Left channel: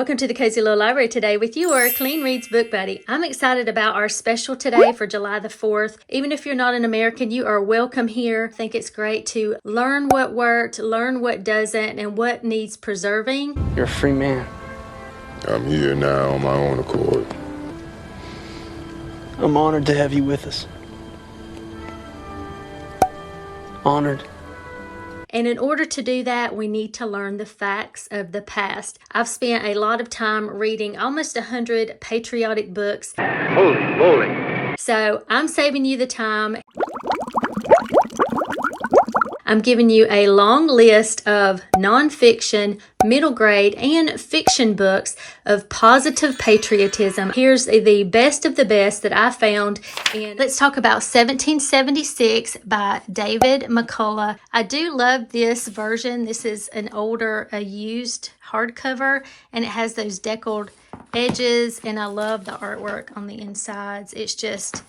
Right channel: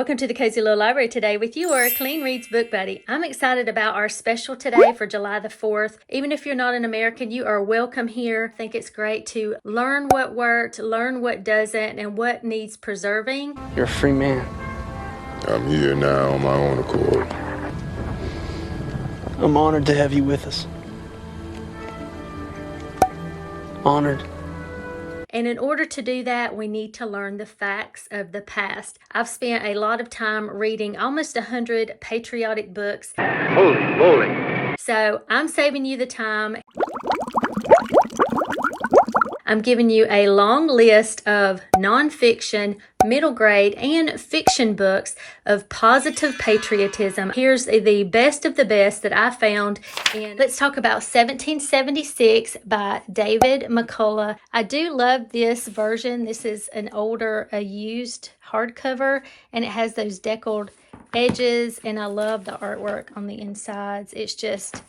Welcome to the Cozy Little Library today with your Clean Reads Book Buddy. I'm excited about our special today for July the 4th. Even if you're not an American, you are welcome here. I think it's great to learn what worked, learn what doesn't, and what needs preserving. You're a free man. I'm here now on my own accord. I'm honored to have you with us. Honored. And in order to do that, we need to learn the facts of the past. I've spent a lot of time reading almost 100 patriotic books. Holy moly. So I'm saving you the time. I'm giving you a long list of nonfiction, middle grade, and fiction books of positive patriotism. Here's the best of the best that I found. And let's talk about 1776 by David McCullough. I do love this version. This is an older, used hardcover, and it has those deckled edges, and I love the artwork on the insides. It's just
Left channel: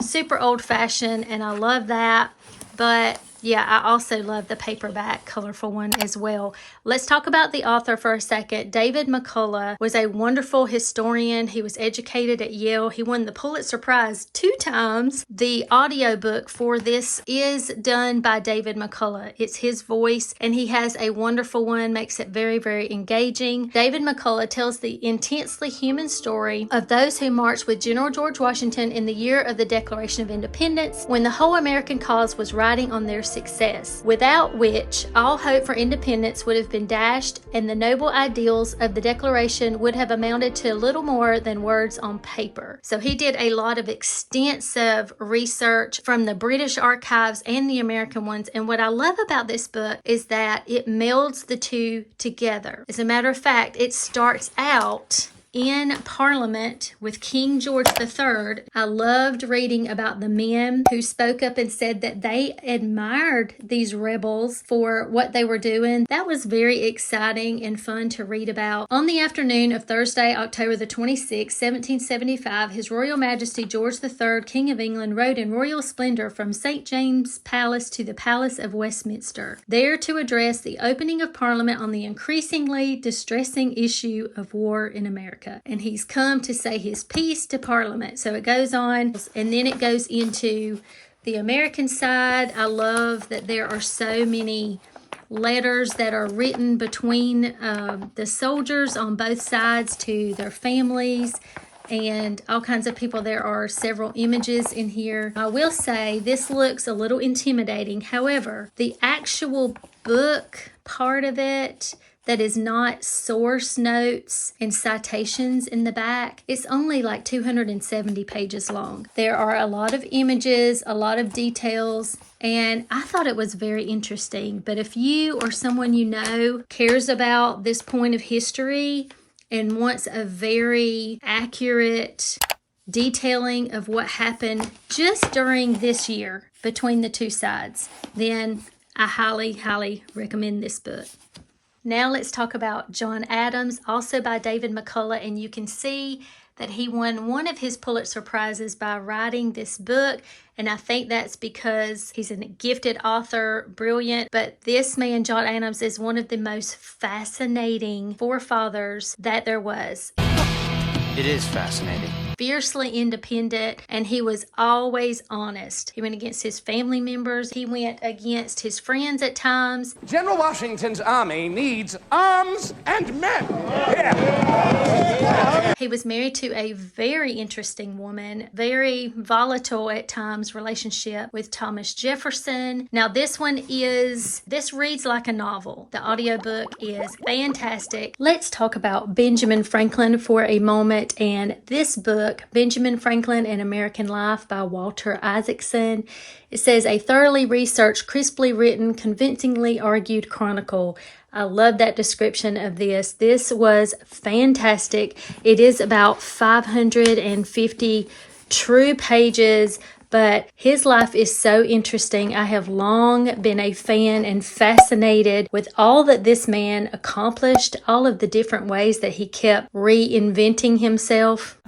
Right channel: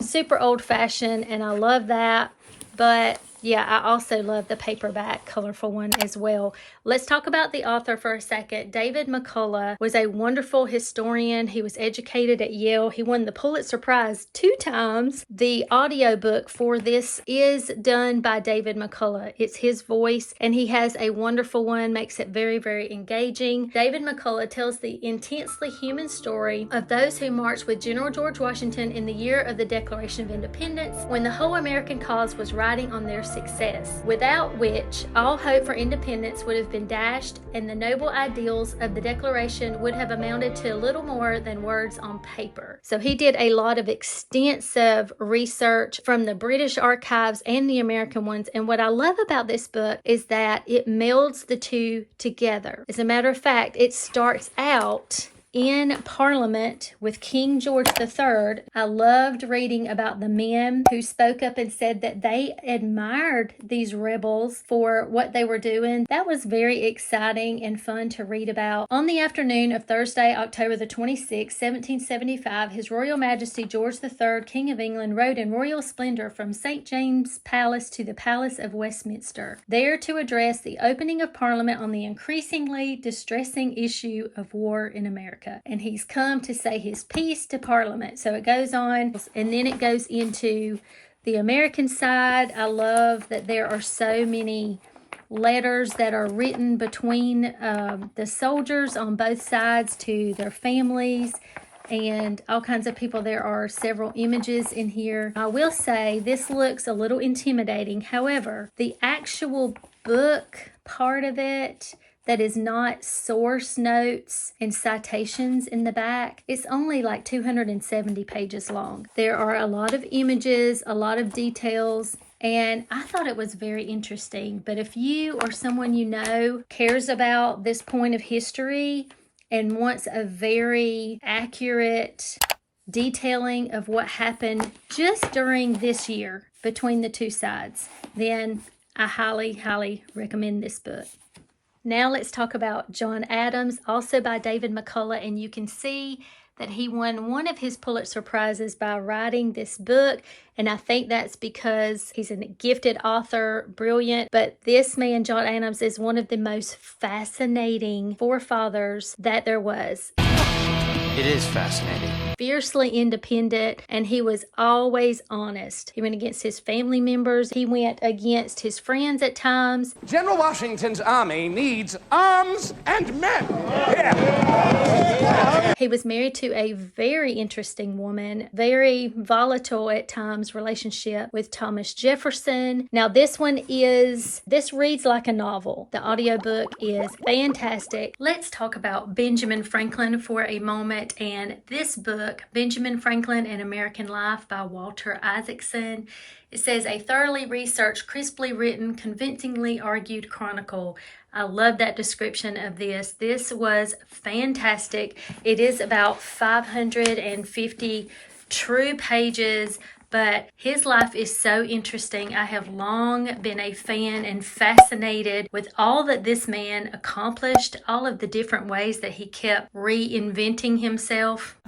super old-fashioned, and I love that. But yeah, I also love the paperback colorful one as well. Let's talk about the author for a second. David McCullough was a wonderful historian. He was educated at Yale. He won the Pulitzer Prize 2 times. The audiobook for this is done by David McCullough. It's his voice, and he has a wonderful one, makes it very, very engaging. David McCullough tells the intensely human story of those who marched with General George Washington in the year of the Declaration of Independence, when the whole American cause was riding on their success, without which all hope for independence would have been dashed, and the noble ideals of the Declaration would have amounted to little more than words on paper. So he did a lot of extensive research from the British archives and the American ones, and what I love about this book is that it melds the two together. As a matter of fact, it starts out in Parliament with King George III. I loved reading about the men who spoke up and said that they admired these rebels for what they were doing. That was very exciting and fun to read about. On the afternoon of Thursday, October the 26th, 1775, His Royal Majesty George III, King of England, rode in royal splendor from St. James's Palace to the Palace of Westminster, there to address the opening of Parliament on the increasingly distressing issue of war in America. And he's come to say his piece to Parliament. So it goes on, and then it goes into the American side. I love that there are so many letters that are written between the soldiers on both sides to their families and all kinds of people. There are several images in here. I will say this looks a little intimidating. However, the actual book part of it that is not source notes and citations in the back, it's only like 270 pages long. There are a lot of images, a lot of details, and I thought it was very interesting. But if you or someone you know cares about this point of history and wants a very accurate detailing of what happened just during this year between the two sides, then I highly, highly recommend this book. Now let's talk about John Adams, also by David McCullough, and you can see that he won one of his Pulitzer Prizes by writing this book, and I think that's because he's a gifted author, brilliant, but this man, John Adams, is one of the most fascinating forefathers that there was. It is fascinating. Fiercely independent, and he was always honest. He went against his family members. He went against his friends at times. General Washington's army needs arms and men. Yeah. He was married to a very interesting woman, very volatile at times relationship with Thomas Jefferson. Now this reads like a novel. The audiobook is fantastic. Let's talk about Benjamin Franklin for a moment. And this book, Benjamin Franklin and American Life by Walter Isaacson, it says a thoroughly researched, crisply written, convincingly argued chronicle. I love that description of this. This was fantastic. It is about 550 true pages, but his life is so interesting. I have long been a fan and fascinated with all that this man accomplished, all of the different ways that he kept reinventing himself.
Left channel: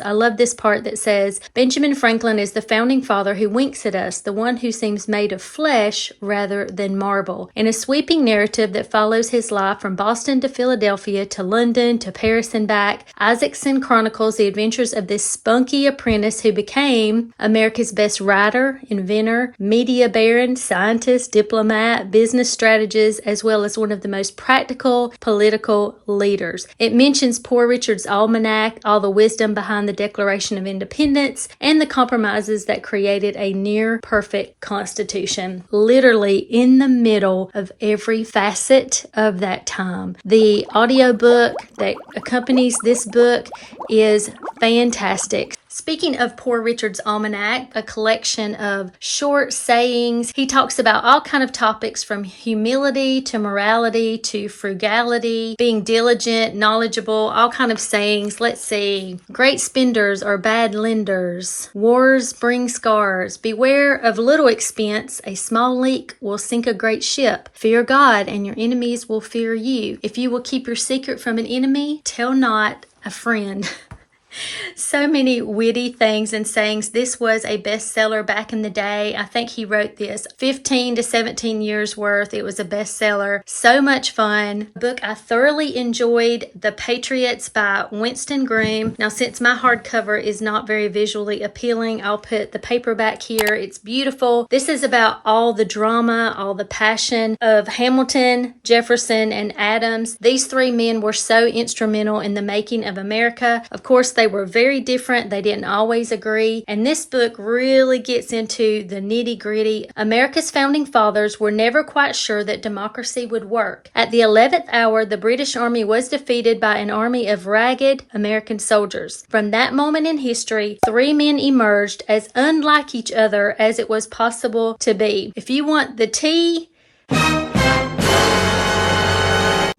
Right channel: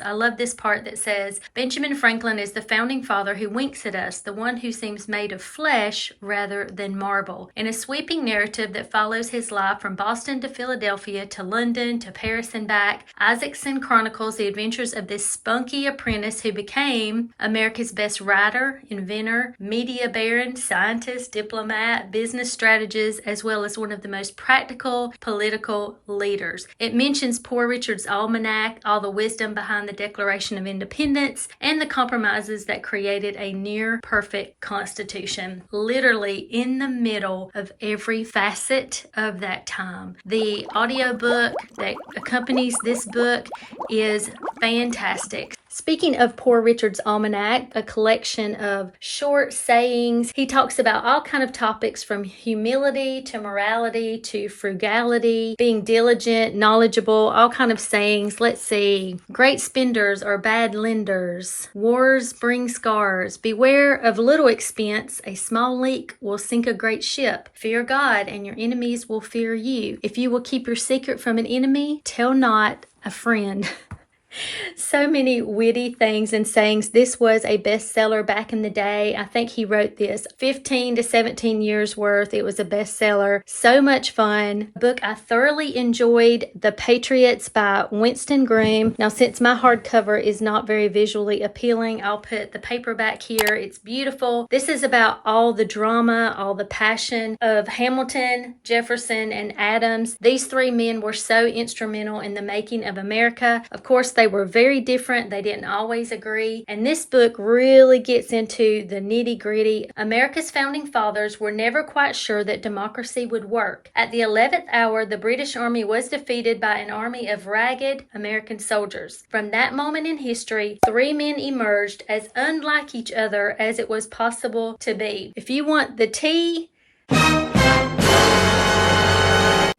I love this part that says, Benjamin Franklin is the founding father who winks at us, the one who seems made of flesh rather than marble. In a sweeping narrative that follows his life from Boston to Philadelphia to London to Paris and back, Isaacson chronicles the adventures of this spunky apprentice who became America's best writer, inventor, media baron, scientist, diplomat, business strategist, as well as one of the most practical political leaders. It mentions Poor Richard's Almanac, all the wisdom behind the Declaration of Independence, and the compromises that created a near perfect Constitution, literally in the middle of every facet of that time. The audiobook that accompanies this book is fantastic. Speaking of Poor Richard's Almanac, a collection of short sayings, he talks about all kind of topics from humility to morality to frugality, being diligent, knowledgeable, all kind of sayings. Let's see. Great spenders are bad lenders. Wars bring scars. Beware of little expense. A small leak will sink a great ship. Fear God and your enemies will fear you. If you will keep your secret from an enemy, tell not a friend. So many witty things and sayings. This was a bestseller back in the day. I think he wrote this 15 to 17 years worth. It was a bestseller. So much fun. A book I thoroughly enjoyed, The Patriots by Winston Groom. Now, since my hardcover is not very visually appealing, I'll put the paperback here. It's beautiful. This is about all the drama, all the passion of Hamilton, Jefferson, and Adams. These three men were so instrumental in the making of America. Of course, they were very different. They didn't always agree. And this book really gets into the nitty-gritty. America's founding fathers were never quite sure that democracy would work. At the 11th hour, the British Army was defeated by an army of ragged American soldiers. From that moment in history, three men emerged as unlike each other as it was possible to be. If you want the tea,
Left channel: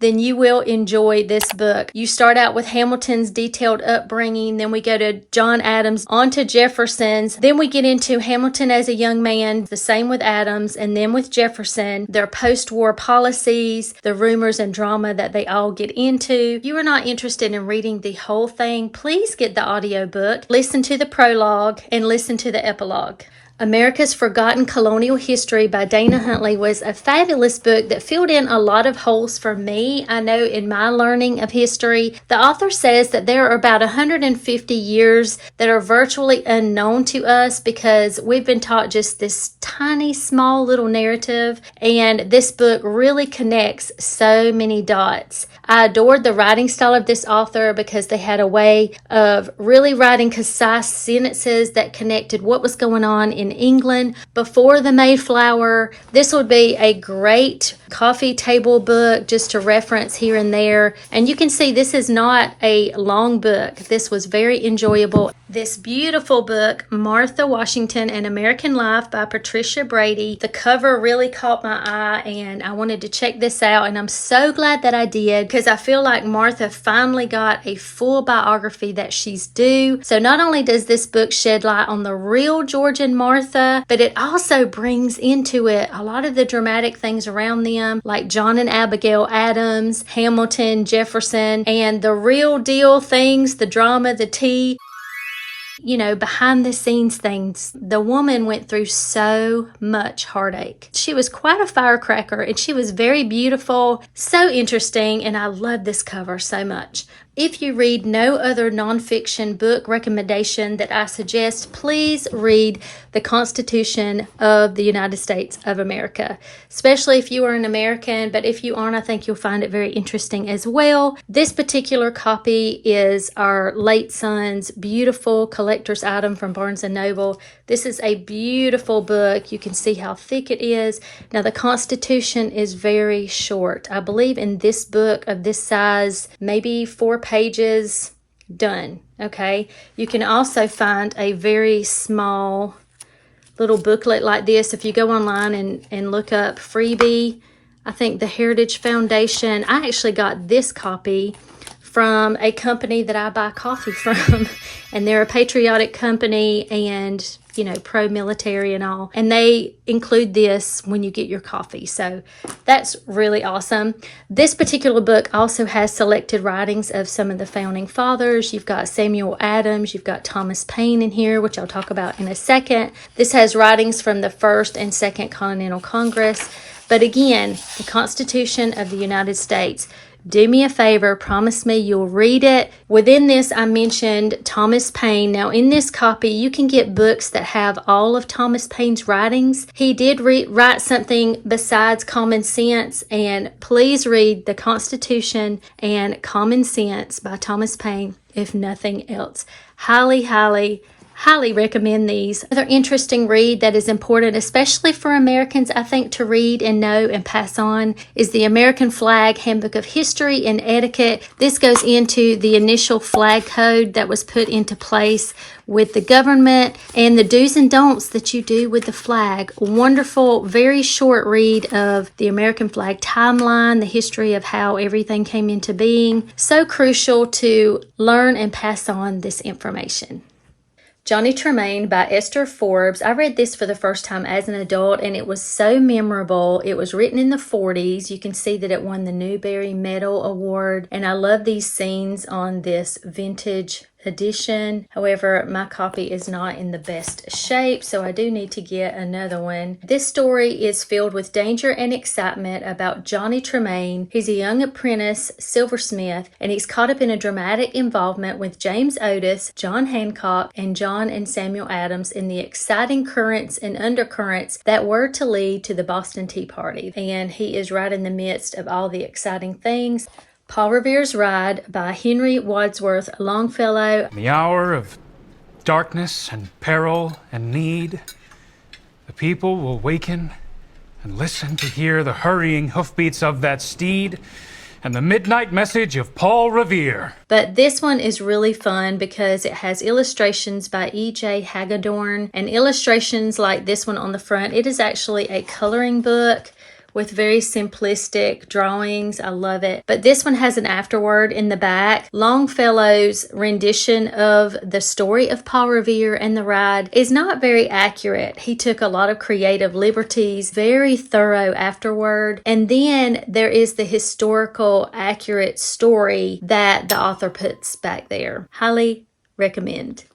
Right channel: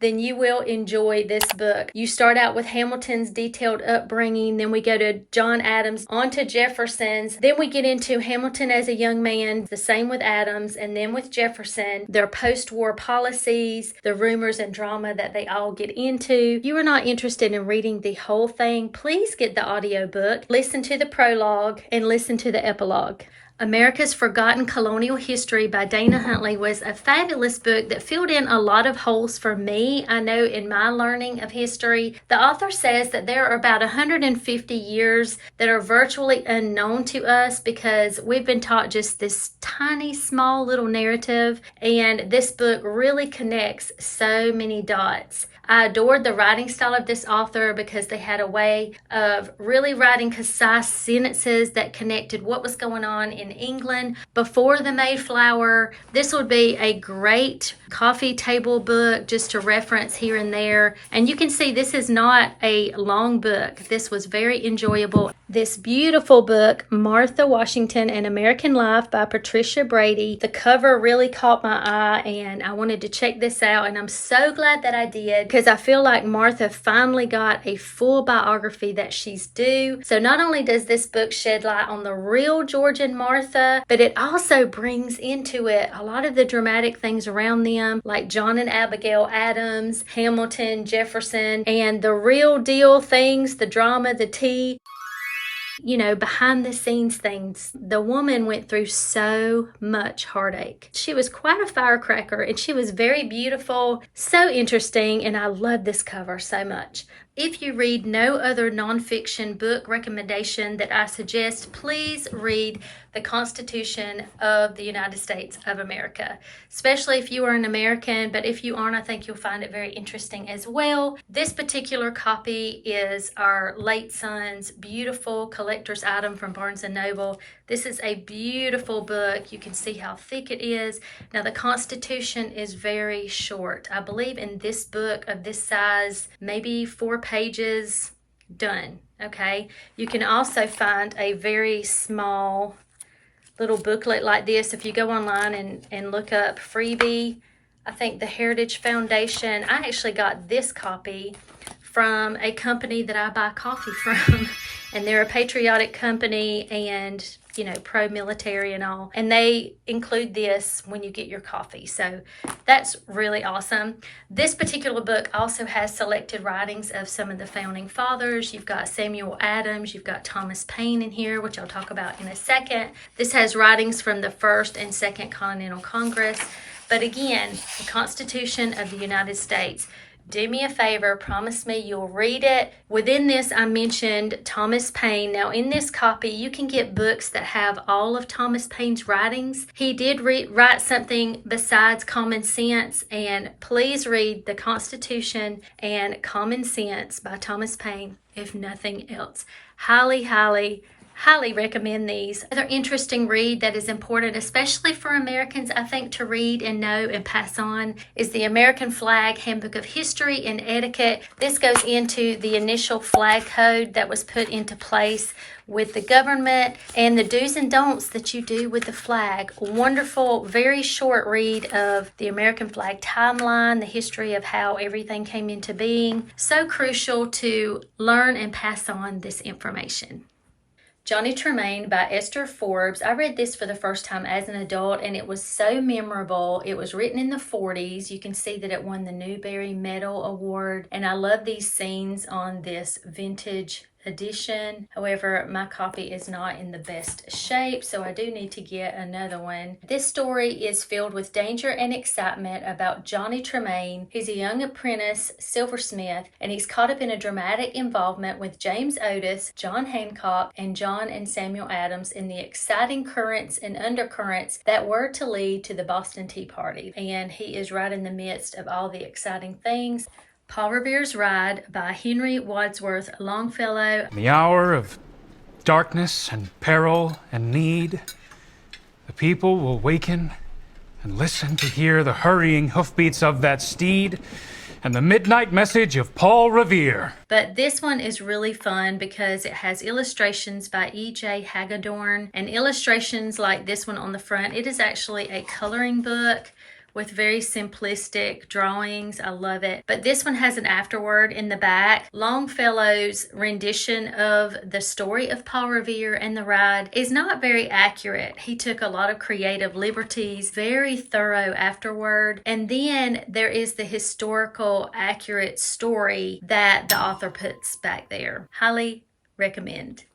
then you will enjoy this book. You start out with Hamilton's detailed upbringing, then we go to John Adams, on to Jefferson's, then we get into Hamilton as a young man, the same with Adams, and then with Jefferson, their post-war policies, the rumors and drama that they all get into. If you are not interested in reading the whole thing, please get the audiobook, listen to the prologue, and listen to the epilogue. America's Forgotten Colonial History by Dana Huntley was a fabulous book that filled in a lot of holes for me. I know in my learning of history, the author says that there are about 150 years that are virtually unknown to us because we've been taught just this tiny, small little narrative, and this book really connects so many dots. I adored the writing style of this author because they had a way of really writing concise sentences that connected what was going on in England before the Mayflower. This would be a great coffee table book just to reference here and there. And you can see this is not a long book. This was very enjoyable. This beautiful book, Martha Washington, An American Life by Patricia Brady. The cover really caught my eye and I wanted to check this out, and I'm so glad that I did because I feel like Martha finally got a full biography that she's due. So not only does this book shed light on the real Georgian Martha, but it also brings into it a lot of the dramatic things around them, like John and Abigail Adams, Hamilton, Jefferson, and the real deal things, the drama, the tea. You know, behind the scenes things. The woman went through so much heartache. She was quite a firecracker and she was very beautiful, so interesting, and I love this cover so much. If you read no other nonfiction book recommendation that I suggest, please read The Constitution of the United States of America, especially if you are an American, but if you aren't, I think you'll find it very interesting as well. This particular copy is our late son's beautiful collector's item from Barnes & Noble. This is a beautiful book. You can see how thick it is. Now, the Constitution is very short. I believe in this book of this size, maybe 4 pages, done. Okay. You can also find a very small little booklet like this. If you go online and look up freebie, I think the Heritage Foundation, I actually got this copy from a company that I buy coffee from, and they're a patriotic company, and you know, pro-military and all. And they include this when you get your coffee. So that's really awesome. This particular book also has selected writings of some of the founding fathers. You've got Samuel Adams, you've got Thomas Paine in here, which I'll talk about in a second. This has writings from the First and Second Continental Congress. But again, the Constitution of the United States. Do me a favor, promise me you'll read it. Within this, I mentioned Thomas Paine. Now, in this copy, you can get books that have all of Thomas Paine's writings. He did write something besides Common Sense, and please read The Constitution and Common Sense by Thomas Paine, if nothing else. Highly, highly recommend these. Another interesting read that is important, especially for Americans, I think, to read and know and pass on, is the American Flag Handbook of History and Etiquette. This goes into the initial flag code that was put into place with the government and the do's and don'ts that you do with the flag. Wonderful, very short read of the American flag timeline, the history of how everything came into being. So crucial to learn and pass on this information. Johnny Tremain by Esther Forbes. I read this for the first time as an adult, and it was so memorable. It was written in the 40s. You can see that it won the Newbery Medal Award, and I love these scenes on this vintage edition. However, my copy is not in the best shape, so I do need to get another one. This story is filled with danger and excitement about Johnny Tremain. He's a young apprentice silversmith, and he's caught up in a dramatic involvement with James Otis, John Hancock, and John and Samuel Adams in the exciting currents and undercurrents that were to lead to the Boston Tea Party. And he is right in the midst of all the exciting things. Paul Revere's Ride by Henry Wadsworth Longfellow. In the hour of darkness and peril and need, the people will waken and listen to hear the hurrying hoofbeats of that steed and the midnight message of Paul Revere. But this one is really fun because it has illustrations by E.J. Hagedorn, and illustrations like this one on the front. It is actually a coloring book with very simplistic drawings. I love it. But this one has an afterword in the back. Longfellow's rendition of the story of Paul Revere and the ride is not very accurate. He took a lot of creative liberties, very thorough afterword. And then there is the historical accurate story that the author puts back there. Highly recommend.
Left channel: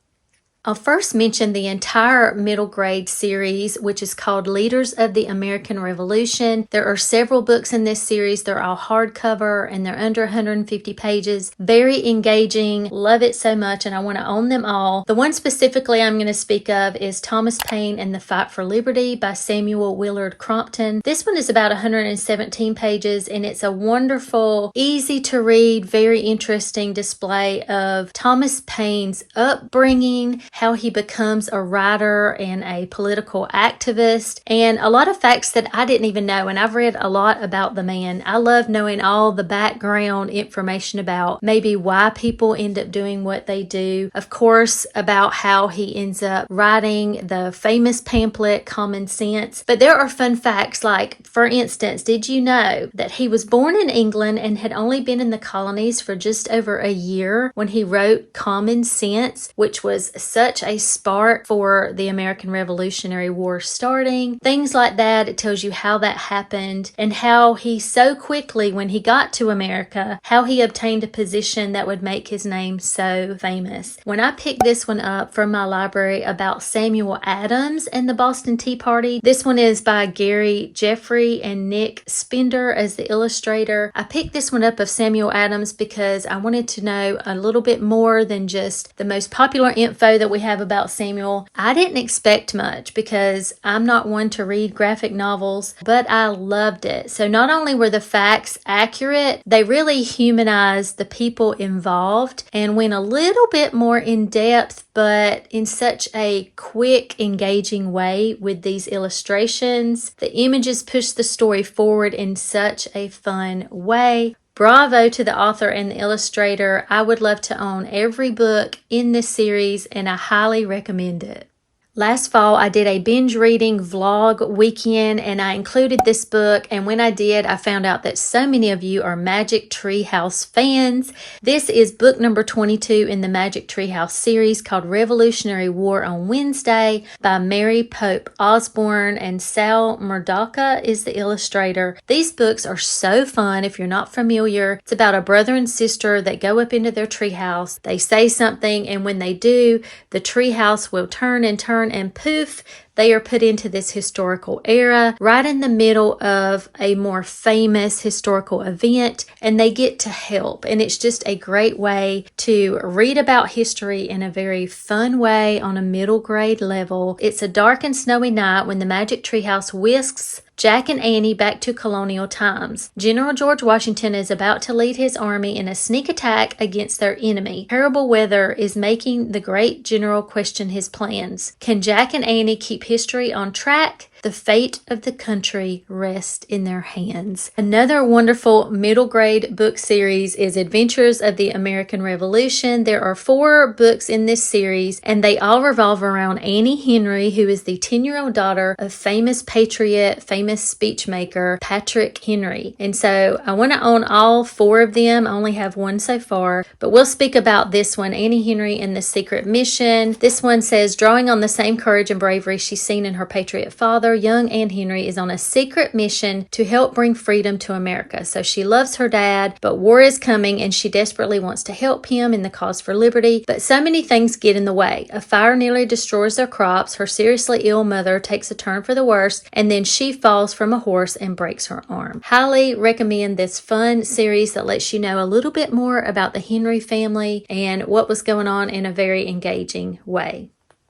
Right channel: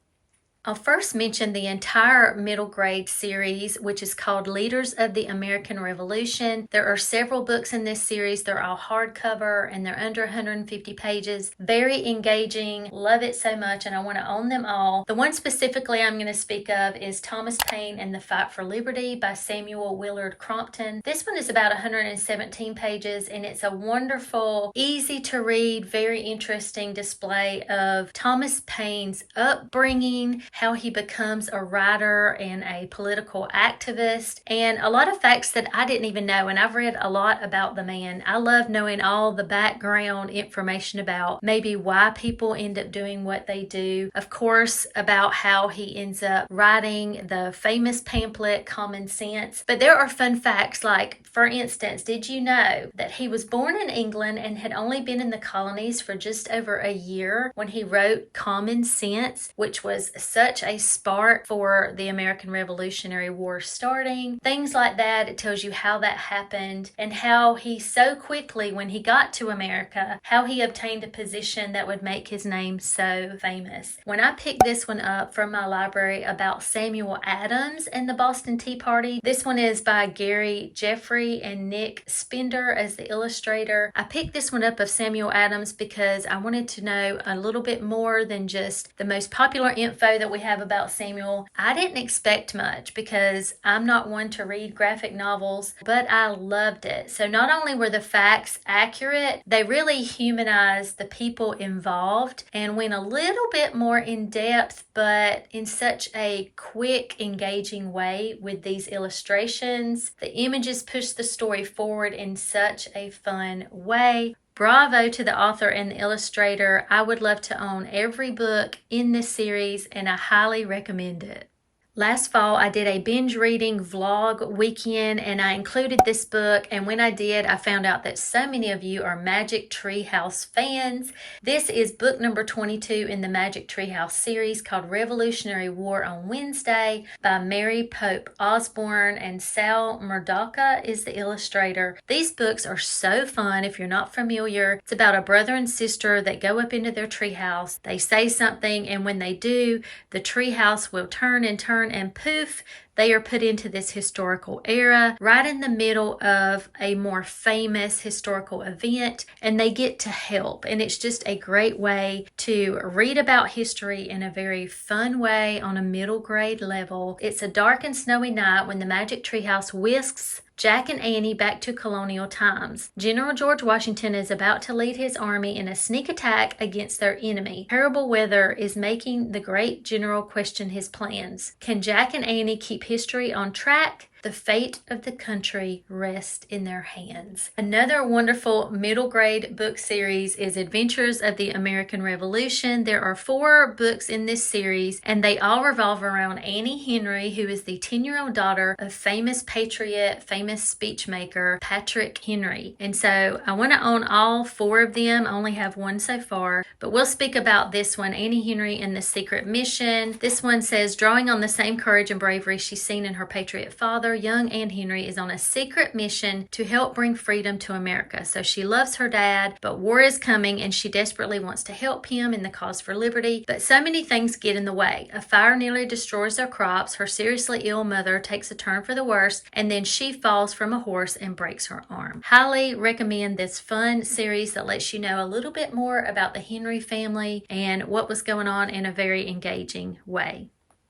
I'll first mention the entire middle grade series, which is called Leaders of the American Revolution. There are several books in this series. They're all hardcover and they're under 150 pages. Very engaging. Love it so much, and I want to own them all. The one specifically I'm going to speak of is Thomas Paine and the Fight for Liberty by Samuel Willard Crompton. This one is about 117 pages, and it's a wonderful, easy to read, very interesting display of Thomas Paine's upbringing, how he becomes a writer and a political activist, and a lot of facts that I didn't even know. And I've read a lot about the man. I love knowing all the background information about maybe why people end up doing what they do. Of course, about how he ends up writing the famous pamphlet Common Sense. But there are fun facts, like, for instance, did you know that he was born in England and had only been in the colonies for just over a year when he wrote Common Sense, which was such a spark for the American Revolutionary War starting. Things like that. It tells you how that happened and how he so quickly, when he got to America, how he obtained a position that would make his name so famous. When I picked this one up from my library about Samuel Adams and the Boston Tea Party, this one is by Gary Jeffrey and Nick Spender as the illustrator. I picked this one up of Samuel Adams because I wanted to know a little bit more than just the most popular info that we have about Samuel. I didn't expect much because I'm not one to read graphic novels, but I loved it. So not only were the facts accurate, they really humanized the people involved and went a little bit more in depth, but in such a quick, engaging way with these illustrations. The images push the story forward in such a fun way. Bravo to the author and the illustrator. I would love to own every book in this series, and I highly recommend it. Last fall, I did a binge reading vlog weekend and I included this book. And when I did, I found out that so many of you are Magic Tree House fans. This is book number 22 in the Magic Tree House series called Revolutionary War on Wednesday by Mary Pope Osborne, and Sal Murdocha is the illustrator. These books are so fun if you're not familiar. It's about a brother and sister that go up into their tree house. They say something, and when they do, the tree house will turn and turn, and poof, they are put into this historical era right in the middle of a more famous historical event, and they get to help. And it's just a great way to read about history in a very fun way on a middle grade level. It's a dark and snowy night when the Magic Tree House whisks Jack and Annie back to colonial times. General George Washington is about to lead his army in a sneak attack against their enemy. Terrible weather is making the great general question his plans. Can Jack and Annie keep history on track? The fate of the country rests in their hands. Another wonderful middle grade book series is Adventures of the American Revolution. There are 4 books in this series, and they all revolve around Annie Henry, who is the 10-year-old daughter of famous patriot, famous speechmaker Patrick Henry. And so I want to own all 4 of them. I only have one so far, but we'll speak about this one, Annie Henry and the Secret Mission. This one says, drawing on the same courage and bravery she's seen in her patriot father, young Anne Henry is on a secret mission to help bring freedom to America. So she loves her dad, but war is coming and she desperately wants to help him in the cause for liberty. But so many things get in the way. A fire nearly destroys their crops, her seriously ill mother takes a turn for the worse, and then she falls from a horse and breaks her arm. Highly recommend this fun series that lets you know a little bit more about the Henry family and what was going on in a very engaging way.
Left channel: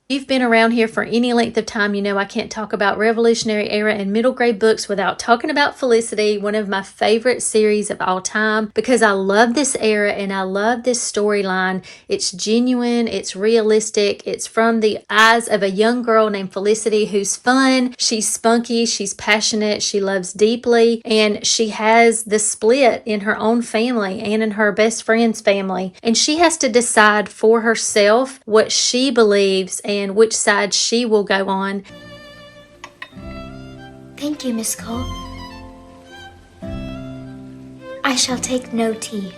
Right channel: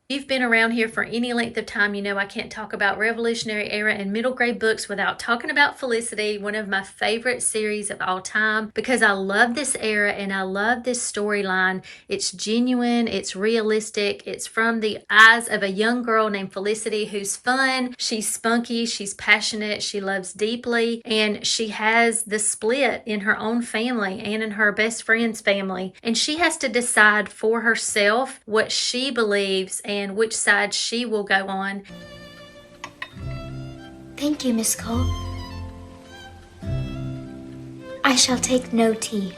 If you've been around here for any length of time, you know I can't talk about Revolutionary Era and middle grade books without talking about Felicity, one of my favorite series of all time, because I love this era and I love this storyline. It's genuine, it's realistic, it's from the eyes of a young girl named Felicity who's fun, she's spunky, she's passionate, she loves deeply, and she has the split in her own family and in her best friend's family, and she has to decide for herself what she believes and which side she will go on. Thank you, Miss Cole. I shall take no tea.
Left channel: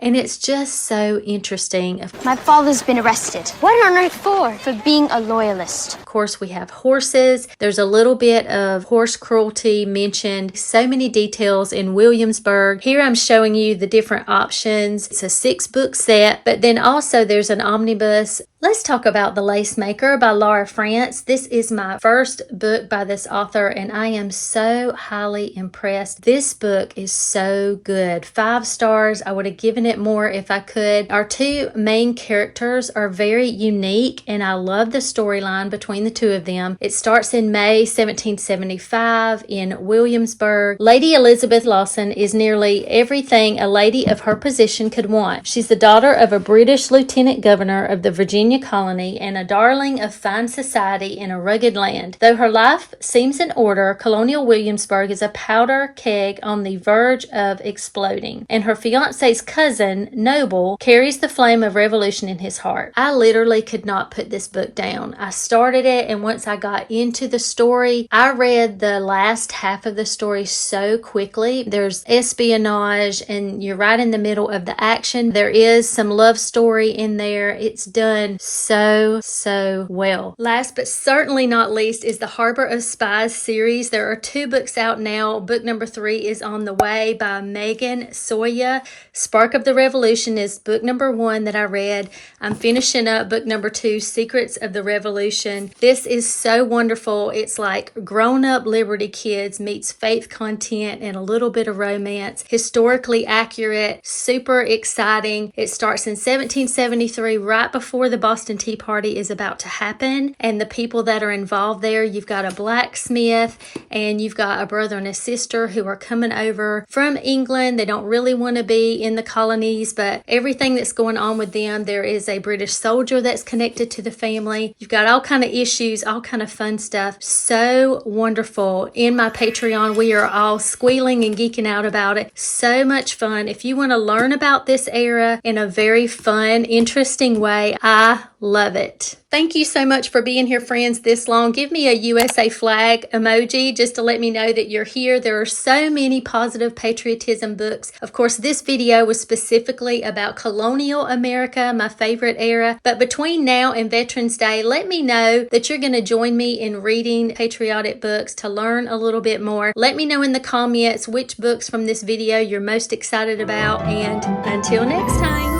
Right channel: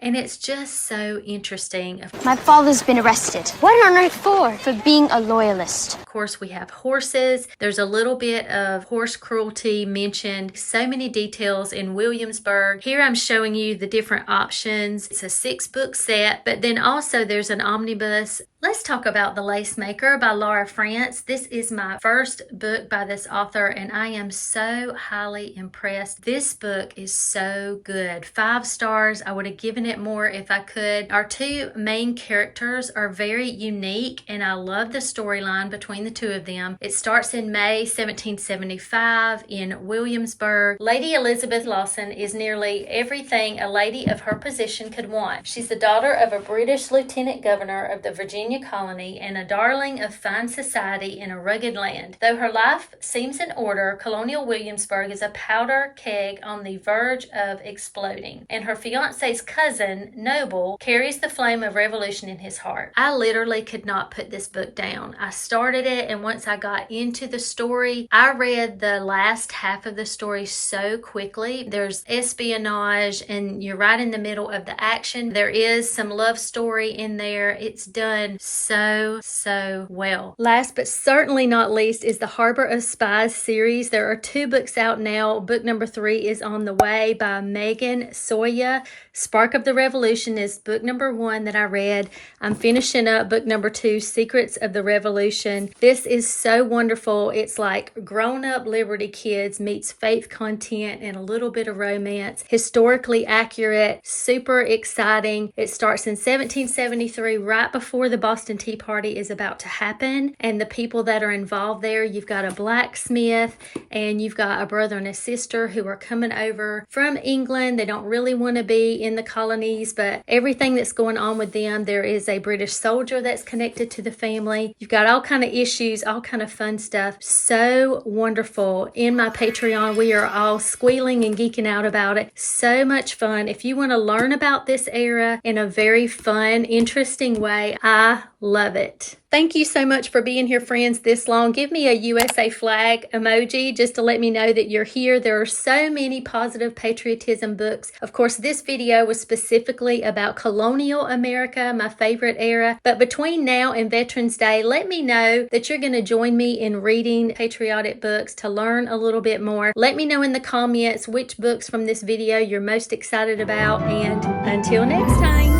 And it's just so interesting. My father's been arrested. What on earth for? For being a loyalist. Of course, we have horses. There's a little bit of horse cruelty mentioned. So many details in Williamsburg. Here I'm showing you the different options. It's a 6-book set, but then also there's an omnibus. Let's talk about The Lacemaker by Laura France. This is my first book by this author, and I am so highly impressed. This book is so good. 5 stars. I would have given it more if I could. Our 2 main characters are very unique, and I love the storyline between the 2 of them. It starts in May 1775 in Williamsburg. Lady Elizabeth Lawson is nearly everything a lady of her position could want. She's the daughter of a British lieutenant governor of the Virginia colony and a darling of fine society in a rugged land. Though her life seems in order, Colonial Williamsburg is a powder keg on the verge of exploding, and her fiance's cousin, Noble, carries the flame of revolution in his heart. I literally could not put this book down. I started it, and once I got into the story, I read the last half of the story so quickly. There's espionage, and you're right in the middle of the action. There is some love story in there. It's done so well. Last but certainly not least is the Harbor of Spies series. There are 2 books out now. Book number 3 is on the way by Megan Soya. Spark of the Revolution is book number 1 that I read. I'm finishing up book number 2, Secrets of the Revolution. This is so wonderful. It's like grown-up Liberty Kids meets faith content and a little bit of romance. Historically accurate, super exciting. It starts in 1773, right before the Boston Tea Party is about to happen, and the people that are involved there, you've got a blacksmith and you've got a brother and a sister who are coming over from England. They don't really want to be in the colonies, but everything that's going on with them, there is a British soldier that's connected to the family. You've got all kind of issues, all kind of fun stuff. So wonderful. In my Patreon, we are all squealing and geeking out about it. So much fun. If you want to learn about this era in a very fun, interesting way, I I love it. Thank you so much for being here, friends, this long. Give me a USA flag emoji just to let me know that you're here. There are so many positive patriotism books. Of course, this video was specifically about colonial America, my favorite era. But between now and Veterans Day, let me know that you're going to join me in reading patriotic books to learn a little bit more. Let me know in the comments which books from this video you're most excited about. And until next time.